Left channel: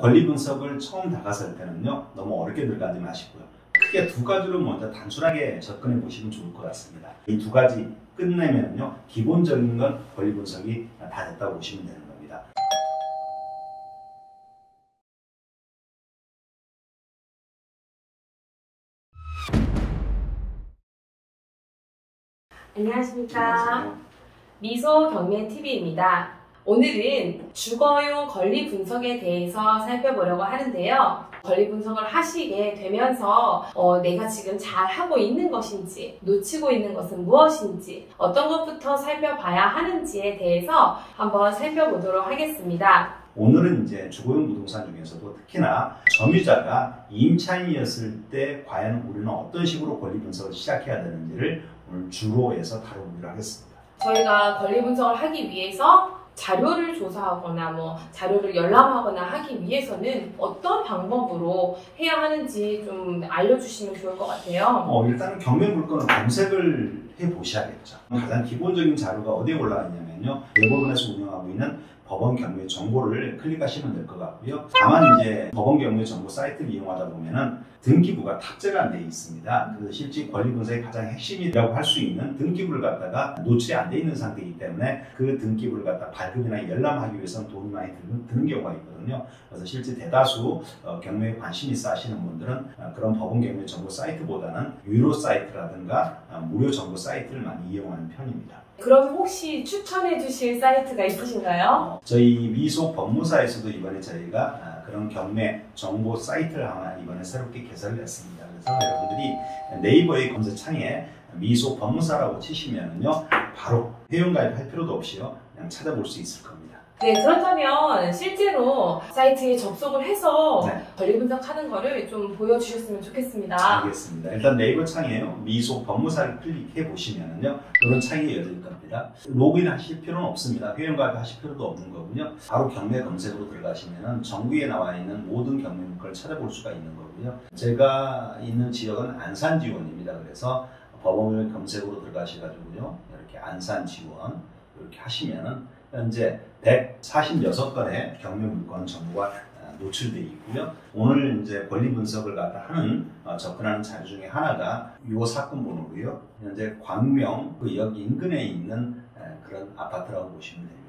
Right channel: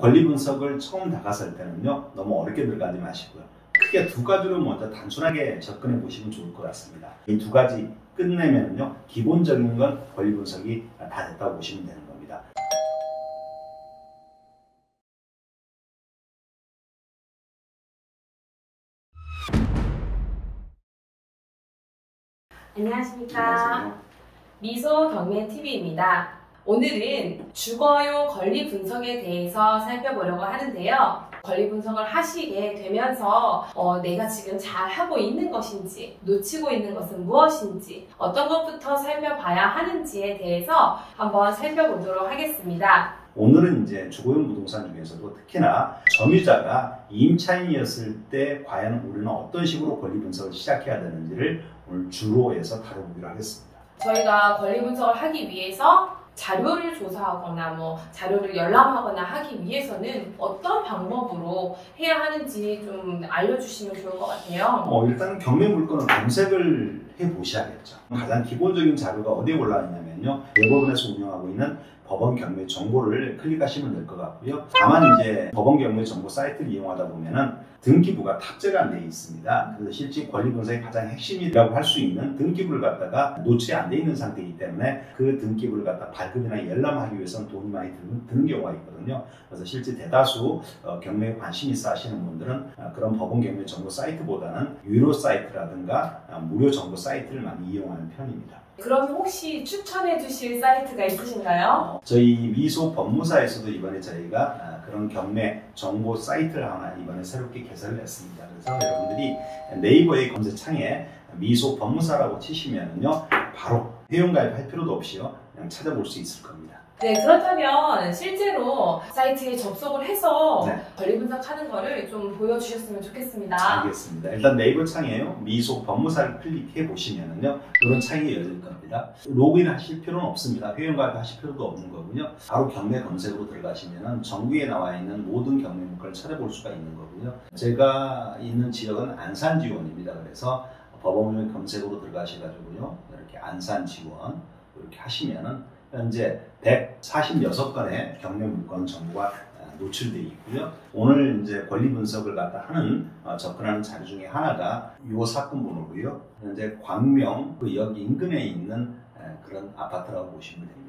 권리 분석을 처음 다가설 때는요, 너무 어렵게 들어가지 마시고요. 크게 두 가지로 먼저 단순하게 접근해 보시면 좋을 것 같습니다. 이 두 가지 끝내면요, 기본적인 건 권리 분석이 다 됐다고 보시면 되는 겁니다. 안녕하십니까. 미소경매TV입니다. 오늘은 주거용 권리 분석에 대해서 살펴보려고 하는데요. 권리 분석을 하시게 되면서 내가 지금 잘 하고 있는 것인지, 놓치고 있는 것은 무엇인지, 어떤 것부터 살펴봐야 하는지에 대해서 한번 살펴보도록 하겠습니다. 오늘은 이제 주거용 부동산 중에서도 특히나 점유자가 임차인이었을 때 과연 우리는 어떤 식으로 권리 분석을 시작해야 되는지를 오늘 주로 해서 다뤄보기로 하겠습니다. 저희가 권리 분석을 하기 위해서 자료를 조사하거나 자료를 열람하거나 하기 위해서는 어떤 방법으로 해야 하는지 좀 알려주시면 좋을 것 같아요. 일단 경매 물건을 검색을 해보셔야겠죠. 가장 기본적인 자료가 어디에 올라와 있냐면요, 대법원에서 운영하고 있는 법원 경매 정보를 클릭하시면 될 것 같고요. 다만 이제 법원 경매 정보 사이트를 이용하다 보면은 등기부가 탑재가 안 되어 있습니다. 그래서 실제 권리 분석의 가장 핵심이라고 할 수 있는 등기부를 갖다가 노출이 안 되어 있는 상태이기 때문에 그 등기부를 갖다 발급이나 열람하기 위해서는 돈이 많이 드는 경우가 있거든요. 그래서 실제 대다수 경매에 관심 있어 하시는 분들은 그런 법원 경매 정보 사이트보다는 유료 사이트라든가 무료 정보 사이트를 많이 이용하는 편입니다. 그럼 혹시 추천해 주실 사이트가 있으신가요? 저희 미소 법무사에서도 이번에 저희가 그런 경매 정보 사이트를 하나 이번에 새롭게 개설을 했습니다. 그래서 여러분들이 네이버의 검색창에 미소 법무사라고 치시면은요, 바로 회원가입할 필요도 없이요, 그냥 찾아볼 수 있을 겁니다. 네, 그렇다면 실제로 사이트에 접속을 해서 네, 권리 분석하는 거를 좀 보여주셨으면 좋겠습니다. 알겠습니다. 일단 네이버 창에요, 미소 법무사를 클릭해 보시면은요, 이런 창이 열릴 겁니다. 로그인 하실 필요는 없습니다. 회원가입 하실 필요도 없는 거고요. 바로 경매 검색으로 들어가시면은 전국에 나와 있는 모든 경매 물건을 찾아볼 수가 있는 거고요. 제가 있는 지역은 안산 지원입니다. 그래서 법원 검색으로 들어가셔가지고요, 이렇게 안산 지원 이렇게 하시면은 현재 146건의 경매 물건 정보가 노출되어 있고요. 오늘 이제 권리 분석을 갖다 하는 접근하는 자료 중에 하나가 이 사건 번호고요. 현재 광명 그 역 인근에 있는 그런 아파트라고 보시면 됩니다.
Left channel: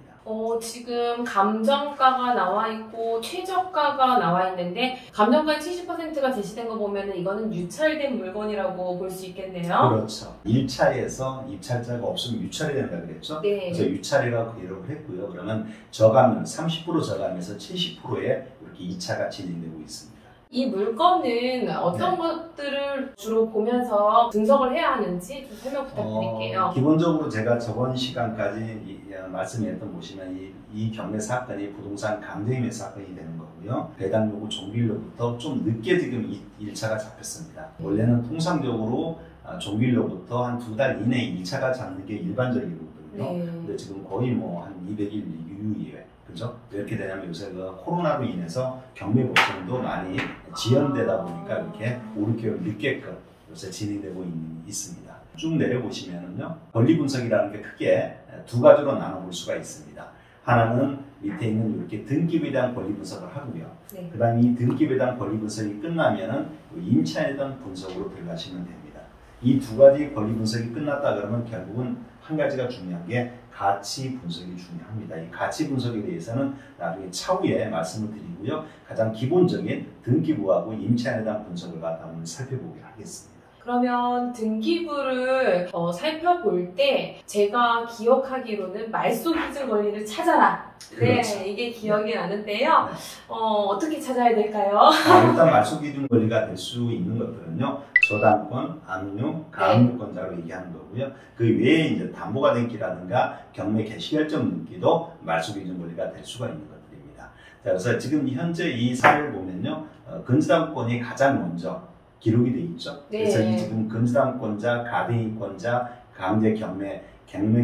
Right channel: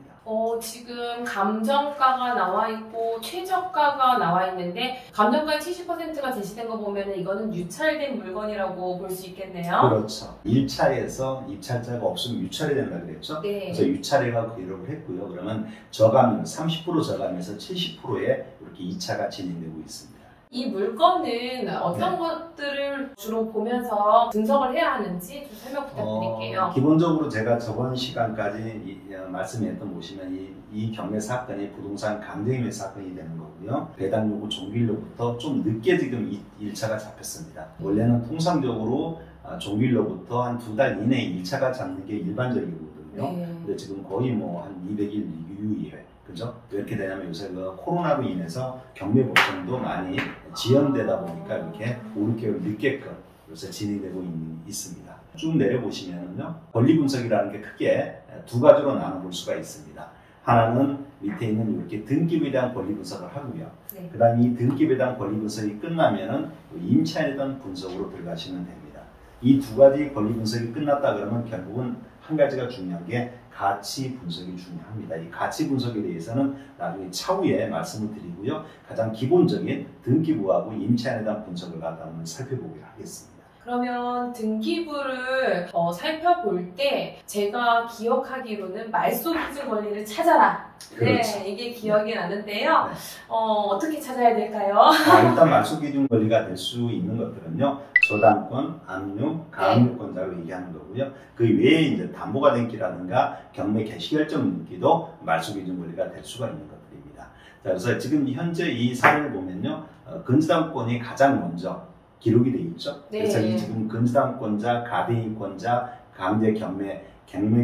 지금 감정가가 나와 있고 최저가가 나와 있는데 감정가의 70%가 제시된 거 보면 이거는 유찰된 물건이라고 볼 수 있겠네요. 그렇죠. 1차에서 입찰자가 없으면 유찰이 된다 그랬죠. 네. 그래서 유찰이라고 기록을 했고요. 그러면 저감률 30% 저감해서 70%에 이렇게 2차가 진행되고 있습니다. 이 물건은 어떤 것들을 주로 보면서 분석을 해야 하는지 좀 설명 부탁드릴게요. 기본적으로 제가 저번 시간까지 말씀했던 보시면 이 경매 사건이 부동산 강제임의 사건이 되는 거고요. 배당 요구 종결로부터 좀 늦게 지금 1차가 잡혔습니다. 원래는 통상적으로 종결로부터 한 2달 이내에 1차가 잡는 게 일반적이거든요. 네. 근데 지금 거의 한 200일 이후에 그죠? 왜 이렇게 되냐면 요새 코로나로 인해서 경매 법정도 많이 지연되다 보니까 이렇게 오르게끔 늦게끔 요새 진행되고 있습니다. 쭉 내려보시면은요, 권리 분석이라는 게 크게 두 가지로 나눠볼 수가 있습니다. 하나는 밑에 있는 이렇게 등기부에 대한 권리 분석을 하고요. 네. 그 다음에 이 등기부에 대한 권리 분석이 끝나면은 임차인에 대한 분석으로 들어가시면 됩니다. 이 두 가지 권리 분석이 끝났다 그러면 결국은 한 가지가 중요한 게 가치 분석이 중요합니다. 이 가치 분석에 대해서는 나중에 차후에 말씀을 드리고요. 가장 기본적인 등기부하고 임차인에 대한 분석을 갖다 한번 살펴보기로 하겠습니다. 그러면 등기부를 살펴볼 때 제가 기억하기로는 말소기준 권리를 찾아라. 그렇죠. 네, 이게 기억이 나는데요. 네. 어떻게 찾아야 될까요? 일단 말소기준 권리가 될 수 있는 것들은요, 저당권, 압류, 가압류권자로 얘기하는 거고요. 그 외에 이제 담보가 된 기라든가 경매 개시결정 등기도 말소기준 권리가 될 수가 있는 것들입니다. 자, 그래서 지금 현재 이 사례를 보면요, 근저당권이 가장 먼저 기록이 돼 있죠. 네. 그래서 이 지금 근저당권자, 가등기권자, 강제 경매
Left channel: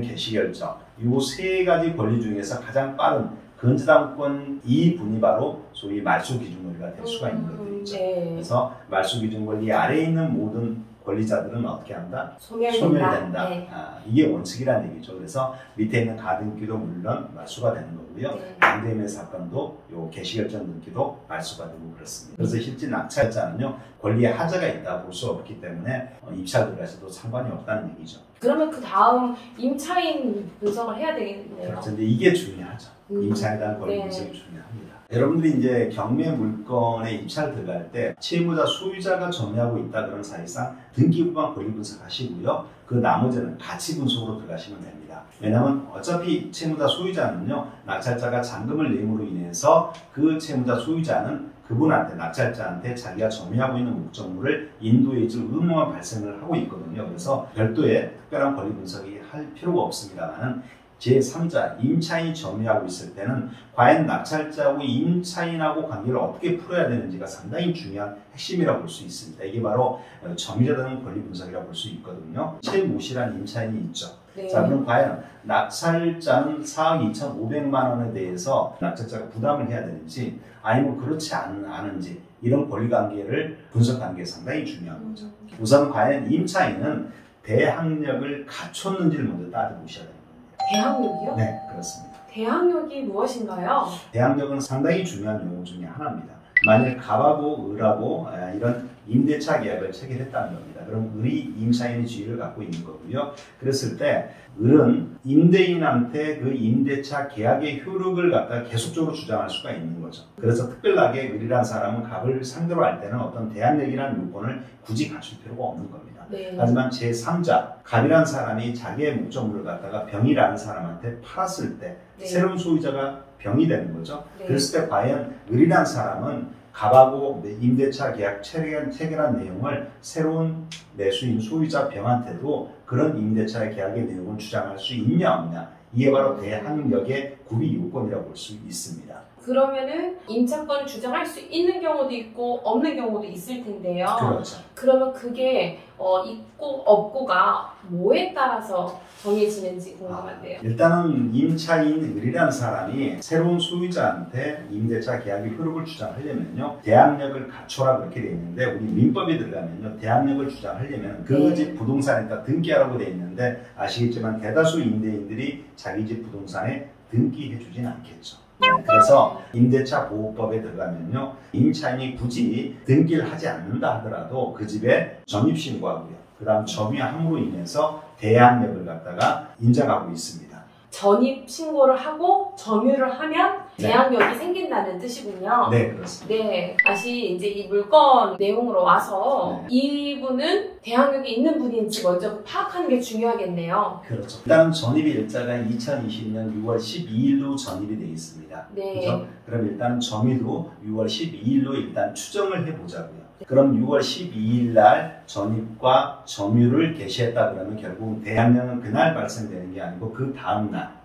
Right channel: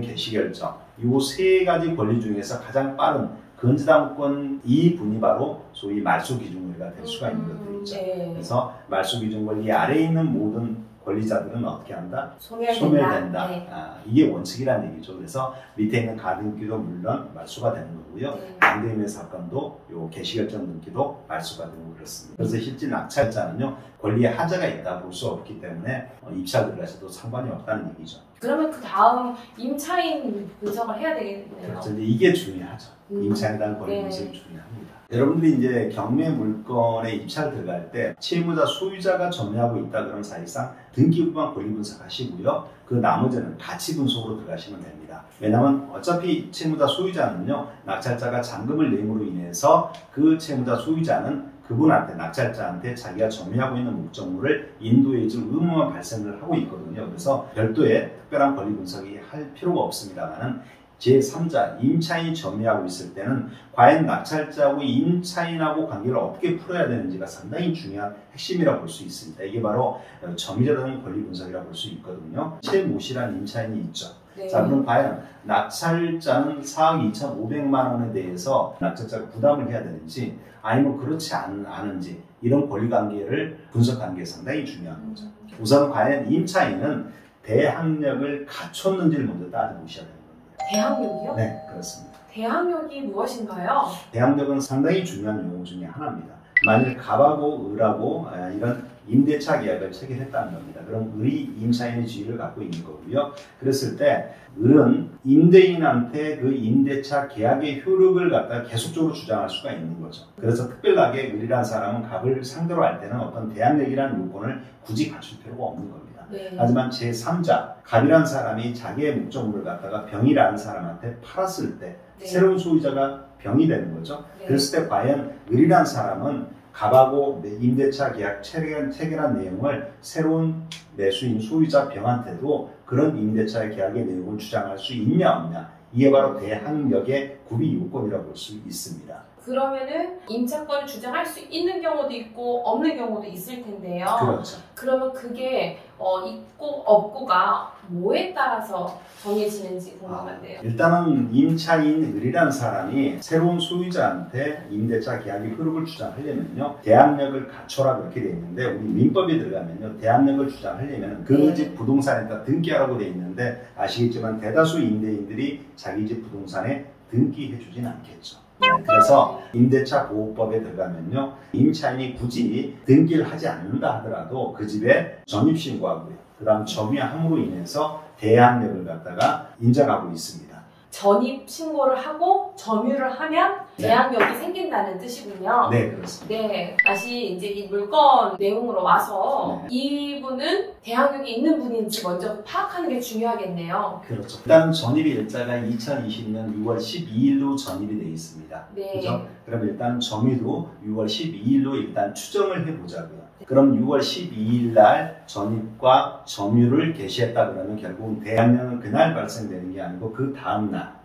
개시결정 이 세 가지 권리 중에서 가장 빠른 근저당권 이 분이 바로 소위 말소기준 권리가 될 수가 있는 것들이죠. 네. 그래서 말소기준 권리 아래에 있는 모든 권리자들은 어떻게 한다? 소멸된다. 소멸된다. 네. 이게 원칙이라는 얘기죠. 그래서 밑에 있는 가등기도 물론 말소가 되는 거고요. 네. 양도인의 사건도 요 개시결정 등기도 말소가 되고 그렇습니다. 그래서 실제 낙찰자는요 권리에 하자가 있다 볼 수 없기 때문에 입찰 들어가셔도 상관이 없다는 얘기죠. 그러면 그 다음 임차인 분석을 해야 되겠네요. 그래서 이제 이게 중요하죠. 임차인에 대한 권리 네. 분석이 중요합니다. 여러분들이 이제 경매 물건에 입찰 들어갈 때 채무자 소유자가 점유하고 있다 그러면 사실상 등기부만 권리 분석하시고요. 그 나머지는 가치 분석으로 들어가시면 됩니다. 왜냐하면 어차피 채무자 소유자는요 낙찰자가 잔금을 냄으로 인해서 그 채무자 소유자는 그분한테 낙찰자한테 자기가 점유하고 있는 목적물을 인도해줄 의무만 발생을 하고 있거든요. 그래서 별도의 특별한 권리 분석이 할 필요가 없습니다만은 제3자 임차인이 점유하고 있을 때는 과연 낙찰자의 임차인하고 관계를 어떻게 풀어야 되는지가 상당히 중요한 핵심이라고 볼 수 있습니다. 이게 바로 점유자에 대한 권리 분석이라고 볼 수 있거든요. 최모씨라는 임차인이 있죠. 네. 자, 그럼 과연 낙찰자는 4억 2,500만 원에 대해서 낙찰자가 부담을 해야 되는지 아니면 그렇지 않은지 이런 권리관계를 분석하는 게 상당히 중요한 거죠. 우선 과연 임차인은 대항력을 갖췄는지를 먼저 따져보셔야 됩니다. 대항력이요? 네, 그렇습니다. 대항력이 무엇인가요? 대항력은 상당히 중요한 용어 중에 하나입니다. 만일 갑하고 을하고 이런 임대차 계약을 체결했다는 겁니다. 그럼 을이 임차인의 지위를 갖고 있는 거고요. 그랬을 때 을은 임대인한테 그 임대차 계약의 효력을 갖다 계속적으로 주장할 수가 있는 거죠. 그래서 특별하게 을이라는 사람은 갑을 상대로 할 때는 어떤 대항력이라는 요건을 굳이 갖출 필요가 없는 겁니다. 네. 하지만 제3자 갑이라는 사람이 자기의 목적물을 갖다가 병이라는 사람한테 팔았을 때 네. 새로운 소유자가 병이 되는 거죠. 네. 그랬을 때 과연 을이라는 사람은 갑하고 임대차 계약 체결한 내용을 새로운 매수인 소유자 병한테도 그런 임대차 계약의 내용을 주장할 수 있냐 없냐, 이게 바로 대항력의 구비 요건이라고 볼 수 있습니다. 그러면은 임차권을 주장할 수 있는 경우도 있고 없는 경우도 있을 텐데요. 그렇죠. 그러면 그게 있고 없고가 뭐에 따라서 정해지는지 궁금한데요. 일단은 임차인 을이라는 사람이 새로운 소유자한테 임대차 계약의 효력을 주장하려면요 대항력을 갖춰라 그렇게 되어 있는데, 우리 민법에 들어가면요 대항력을 주장하려면 그 집 부동산에다 등기하라고 되어 있는데 아시겠지만 대다수 임대인들이 자기 집 부동산에 등기해 주진 않겠죠. 그래서 임대차 보호법에 들어가면요 임차인이 굳이 등기를 하지 않는다 하더라도 그 집에 점입신고하고요 그 다음 점유함으로 인해서 대항력을 갖다가 인정하고 있습니다. 전입 신고를 하고 점유를 하면 네. 대항력이 생긴다는 뜻이군요. 네, 그렇습니다. 네, 다시 이제 이 물건 내용으로 와서 네. 이분은 대항력이 있는 분인지 먼저 파악하는 게 중요하겠네요. 그렇죠. 일단 전입 일자가 2020년 6월 12일로 전입이 되어 있습니다. 네. 그죠? 그럼 일단 점유도 6월 12일로 일단 추정을 해보자고요. 그럼 6월 12일 날 전입과 점유를 개시했다 그러면 결국은 대항력은 그날 발생되는 게 아니고 그 다음 날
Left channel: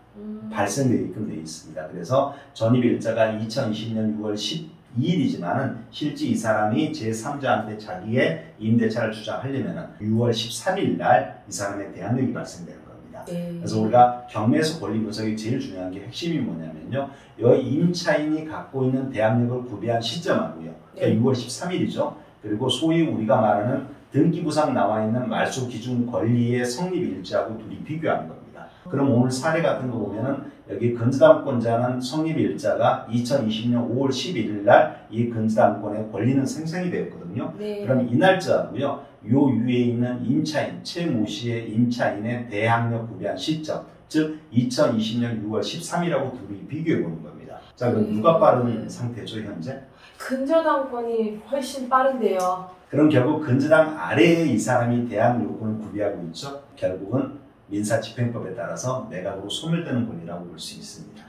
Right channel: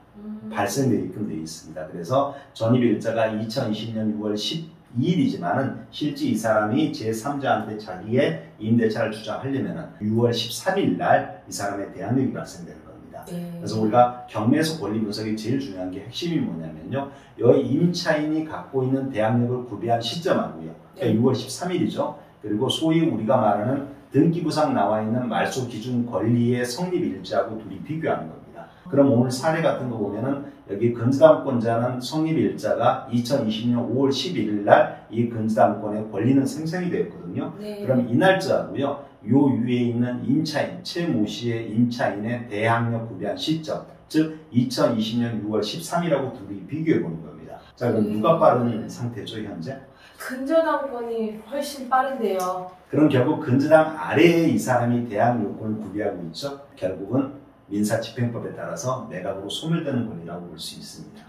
발생되게끔 되어 있습니다. 그래서 전입 일자가 2020년 6월 12일이지만은 실제 이 사람이 제3자한테 자기의 임대차를 주장하려면 6월 13일 날 이 사람의 대항력이 발생되는 겁니다. 네. 그래서 우리가 경매에서 권리 분석이 제일 중요한 게 핵심이 뭐냐면요. 여기 임차인이 갖고 있는 대항력을 구비한 시점하고요. 그러니까 6월 13일이죠. 그리고 소위 우리가 말하는 등기부상 나와 있는 말소 기준 권리의 성립 일자하고 둘이 비교하는 겁니다. 그럼 오늘 사례 같은 거 보면은 여기 근저당권자는 성립 일자가 2020년 5월 11일 날 이 근저당권의 권리는 생성이 되었거든요. 네. 그럼 이 날짜하고요. 요 위에 있는 임차인, 최모 씨의 임차인의 대항력 구비한 시점, 즉 2020년 6월 13일하고 둘이 비교해 보는 겁니다. 자, 그럼 누가 빠른 상태죠, 현재? 근저당권이 훨씬 빠른데요. 그럼 결국 근저당 아래에 이 사람이 대항 요건을 구비하고 있죠. 결국은 민사집행법에 따라서 매각으로 소멸되는 권리라고 볼 수 있습니다.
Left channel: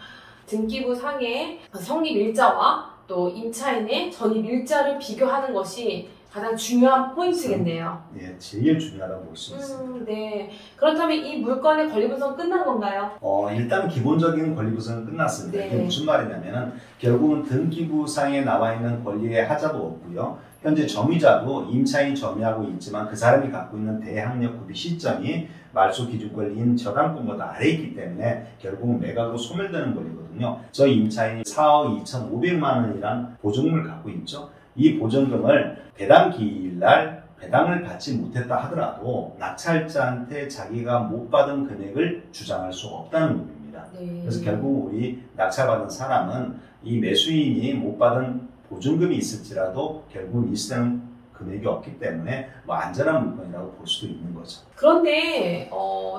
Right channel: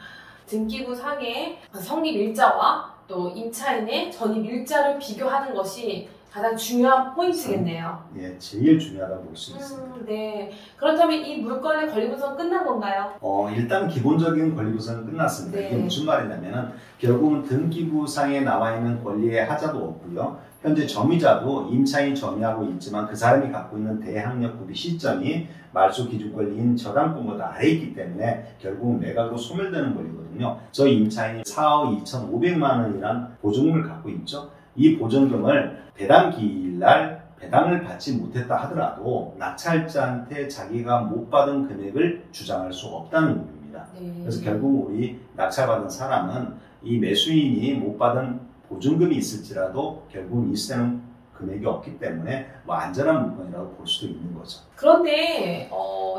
등기부 상의 성립 일자와 또 임차인의 전입 일자를 비교하는 것이 가장 중요한 포인트겠네요. 네, 제일 중요하다고 볼 수 있습니다. 네. 그렇다면 이 물건의 권리 분석 끝난 건가요? 일단 기본적인 권리 분석은 끝났습니다. 네. 이게 무슨 말이냐면은 결국은 등기부상에 나와 있는 권리의 하자도 없고요. 현재 점유자도 임차인이 점유하고 있지만 그 사람이 갖고 있는 대항력 구비 시점이 말소 기준 권리인 저당권보다 아래에 있기 때문에 결국 매각으로 소멸되는 권리거든요. 저 임차인이 4억 2,500만 원이란 보증금을 갖고 있죠. 이 보증금을 배당 기일 날 배당을 받지 못했다 하더라도 낙찰자한테 자기가 못 받은 금액을 주장할 수 없다는 의미입니다. 그래서 결국 우리 낙찰받은 사람은 이 매수인이 못 받은 보증금이 있을지라도 결국 일세는 금액이 없기 때문에 뭐 안전한 물건이라고 볼 수도 있는 거죠. 그런데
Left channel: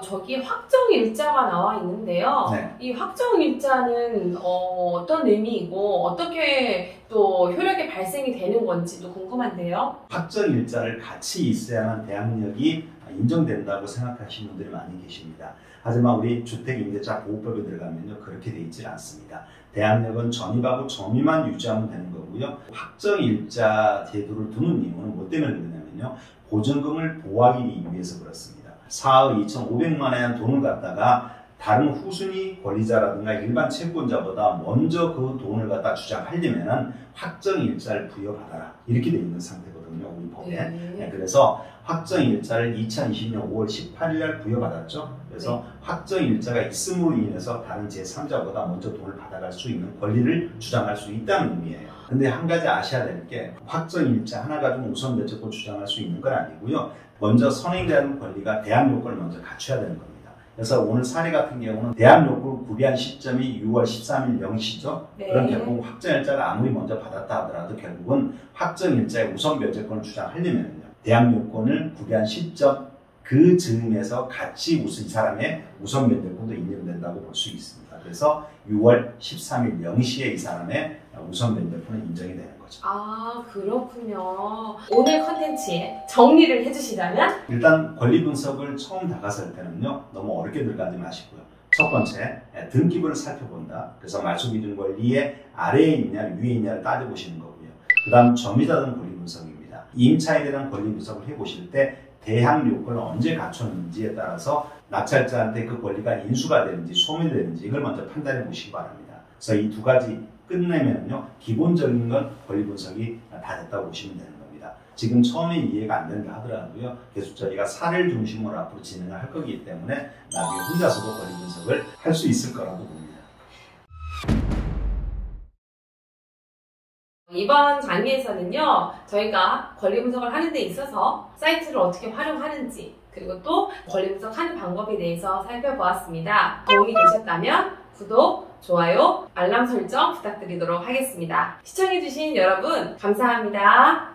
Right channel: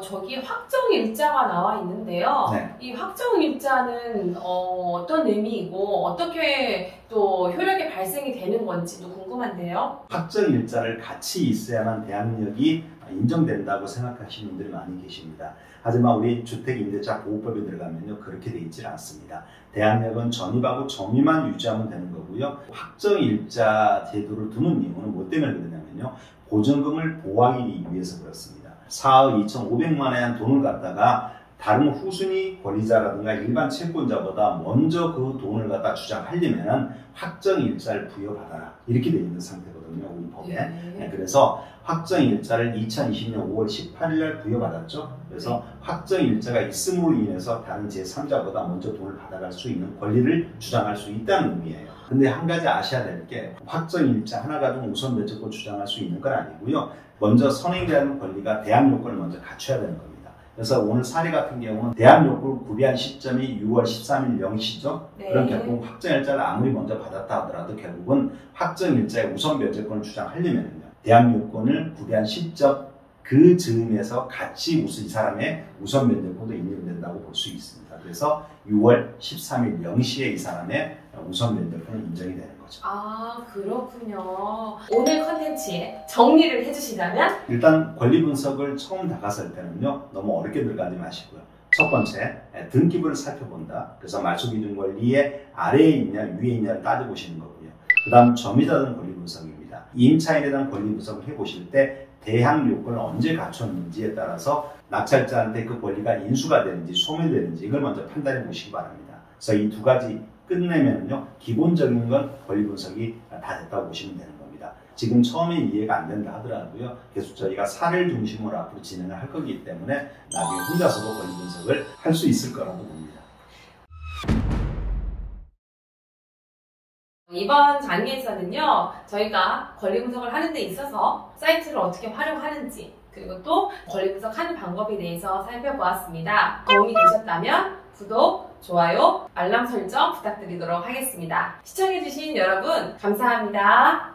저기 확정일자가 나와 있는데요. 네. 이 확정일자는 어떤 의미이고 어떻게 또 효력이 발생이 되는 건지도 궁금한데요. 확정일자를 같이 있어야만 대항력이 인정된다고 생각하시는 분들이 많이 계십니다. 하지만 우리 주택임대차 보호법에 들어가면요 그렇게 되어 있지 않습니다. 대항력은 전입하고 점유만 유지하면 되는 거고요. 확정일자 제도를 두는 이유는 뭐 때문에 그러냐면요. 보증금을 보호하기 위해서 그렇습니다. 4억 2,500만 원의 돈을 갖다가 다른 후순위 권리자라든가 일반 채권자보다 먼저 그 돈을 갖다 주장하려면 확정일자를 부여받아라. 이렇게 되어 있는 상태거든요. 우리 법에. 네, 그래서 확정일자를 2020년 5월 18일 날 부여받았죠. 그래서 확정일자가 있음으로 인해서 다른 제3자보다 먼저 돈을 받아갈 수 있는 권리를 주장할 수 있다는 의미예요. 근데 한 가지 아셔야 될 게 확정일자 하나 가지고 우선 면책권 주장할 수 있는 건 아니고요. 먼저 선행이라는 권리가 대항요건을 먼저 갖춰야 되는 겁니다. 그래서 오늘 사례 같은 경우는 대항요건을 구비한 시점이 6월 13일 0시죠. 그럼 결국 확정일자를 아무리 먼저 받았다 하더라도 결국은 확정일자의 우선 면책권을 주장하려면요. 대항요건을 구비한 시점 그 즈음에서 같이 이 사람의 우선 면책권도 인정된다고 볼 수 있습니다. 그래서 6월 13일 0시에 이 사람의 우선 면책권은 인정이 되는 거죠. 아, 그렇군요. 오늘 컨텐츠에 정리를 해주시다면? 일단 권리 분석을 처음 다가설 때는요. 너무 어렵게 들어가지 마시고요. 첫 번째, 등기부를 살펴본다. 그래서 말소기준 권리의 아래에 있냐 위에 있냐를 따져보시는 거고요. 그 다음 점유자 등 권리 분석입니다. 임차인에 대한 권리 분석을 해보실 때 대항 요건을 언제 갖췄는지에 따라서 낙찰자한테 그 권리가 인수가 되는지 소멸되는지 이걸 먼저 판단해 보시기 바랍니다. 그래서 이 두 가지 끝내면요 기본적인 건 권리 분석이 다 됐다고 보시면 되는 겁니다. 지금 처음에 이해가 안 된다 하더라도요 계속 저희가 사례를 중심으로 앞으로 진행을 할 거기 때문에 나중에 혼자서도 권리 분석을 할 수 있을 거라고 봅니다. 이번 강의에서는요, 저희가 권리 분석을 하는 데 있어서 사이트를 어떻게 활용하는지, 그리고 또 권리 분석하는 방법에 대해서 살펴보았습니다. 도움이 되셨다면 구독, 좋아요, 알람 설정 부탁드리도록 하겠습니다. 시청해주신 여러분, 감사합니다.